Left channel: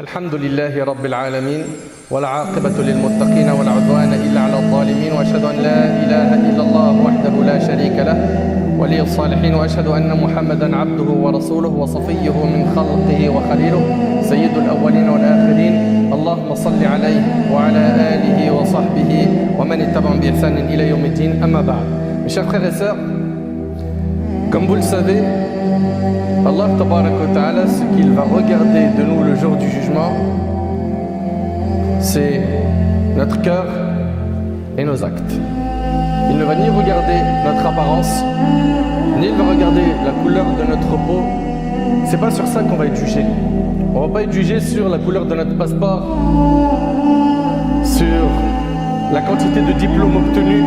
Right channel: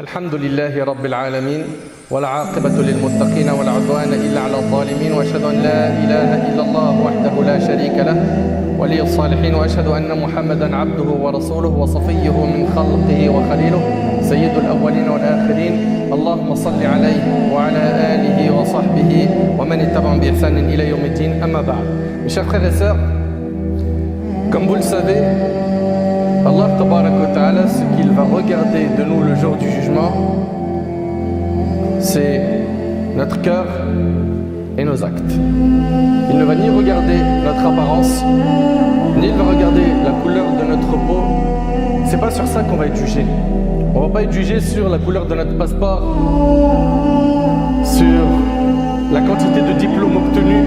الحمد لله رب العالمين والعاقبة للمتقين ولا عدوان إلا على الظالمين وأشهد أن لا إله إلا الله وحده لا شريك له ولي الصالحين وأشهد أن محمدا عبده ورسوله وصفيه من خلقه وخليله سيد الأولين والآخرين اللهم صل عليه وعلى آله وصحبه ومن اتبعهم بإحسان إلى يوم الدين أما بعد. Mes chers frères et sœurs, comme vous le savez, Allah Tabarak wa Ta'ala, ce qu'il va regarder de nous le jour du jugement, c'est notre cœur et nos actes. Il ne va ni regarder notre apparence, ni il va regarder la couleur de notre peau. C'est pas sur ça qu'on va être jugé. On va pas être jugé sur la couleur de notre passeport, sur la quantité de diplômes obtenus,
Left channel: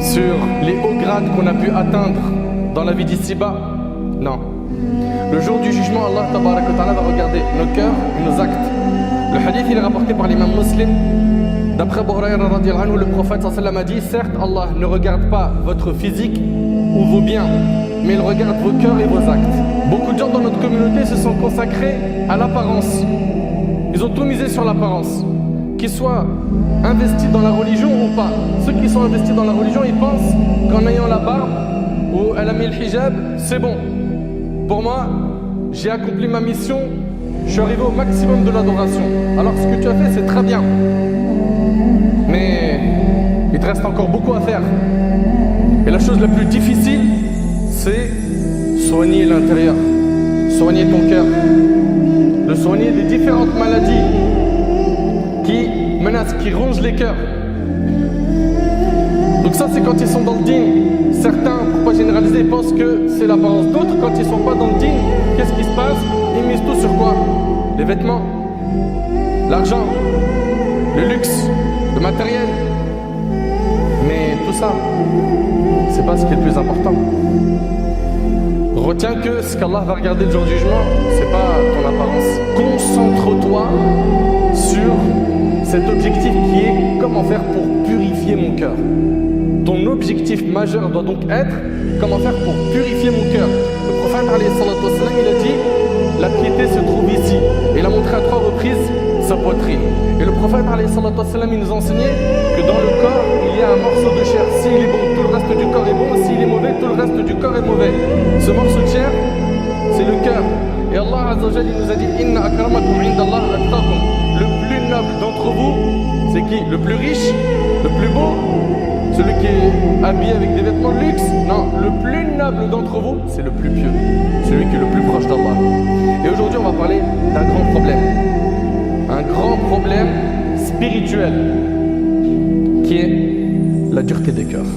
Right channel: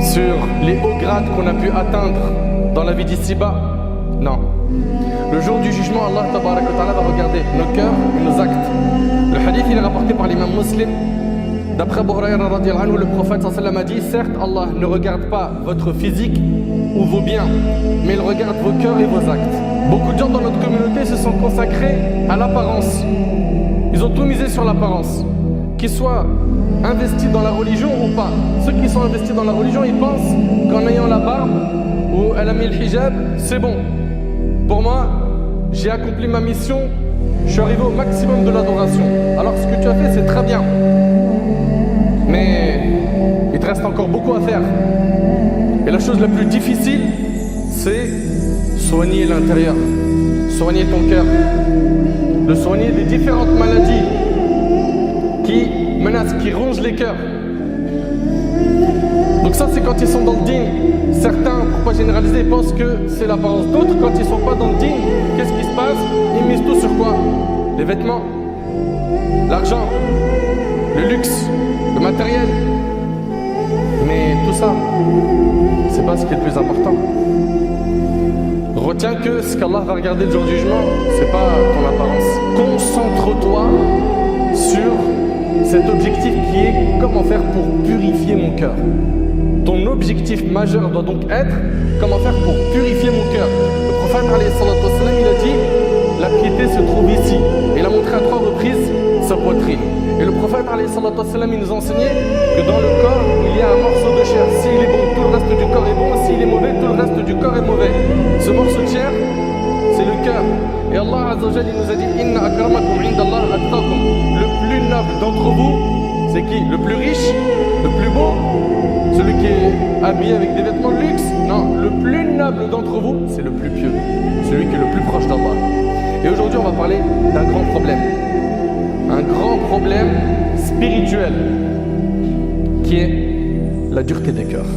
sur les hauts grades qu'on a pu atteindre dans la vie d'ici-bas. Non. Le jour du jugement, Allah Tabarak wa Ta'ala va regarder nos cœurs et nos actes. Le hadith il est rapporté par l'imam Muslim. D'après Abu Hurayra radiyallahu anhu, le prophète sallallahu alayhi wa sallam a dit: certes, Allah ne regarde pas votre physique ou vos biens, mais il regarde vos cœurs et vos actes. Beaucoup de gens dans notre communauté se sont consacrés à l'apparence. Ils ont tout misé sur l'apparence. Qu'ils soient investis dans la religion ou pas. Ceux qui sont investis dans la religion, ils pensent qu'en ayant la barbe ou elle a mis le hijab, c'est bon. Pour moi, j'ai accompli ma mission, je suis arrivé au maximum de l'adoration. Alors ce que tu as fait, c'est très bien. Mais il te reste encore beaucoup à faire. Et la chose la plus difficile, c'est soigner l'intérieur, soigner ton cœur, de soigner des différentes maladies qui menacent, qui rongent les cœurs. Donc ça, c'est quand ils sont dans le dîn. Certains, pour ne pas généraliser, pensent que c'est l'apparence. D'autres, quand ils ne sont pas dans le dîn, qu'est-ce qui se passe? Ils misent tout sur quoi? Les vêtements, l'argent, le luxe, le matériel. Mais tout ça, c'est pas ce qui est le plus important. Retiens que ce qu'Allah va regarder le jour du jugement, c'est pas ton apparence. Concentre-toi sur cet objectif qui est comment faire pour purifier mon cœur. Ton objectif majeur doit donc être comment faire pour purifier mon cœur. Le prophète alayhi salatu wassalam, il a dit: la piété se trouve ici. Et il a montré à 3 reprises sa poitrine. Et le prophète alayhi salatu wassalam, il nous enseignait que dans le corps, il y a un morceau de chair. S'il est bon, tout le reste du corps est bon. S'il est mauvais, tout le reste du corps est mauvais. Ce morceau de chair, c'est le cœur. Et Allah Azza wa Jalla, il nous a dit: Inna akramakum indallah atqakum. Le plus noble d'entre vous, c'est qui? Le plus riche, le plus beau, celui qui est habillé avec des vêtements de luxe? Non, le plus noble d'entre vous, c'est le plus pieux, celui qui est le plus proche d'Allah. Et aujourd'hui, on va parler d'un grand problème. Un grand problème spirituel qui est la dureté des cœurs.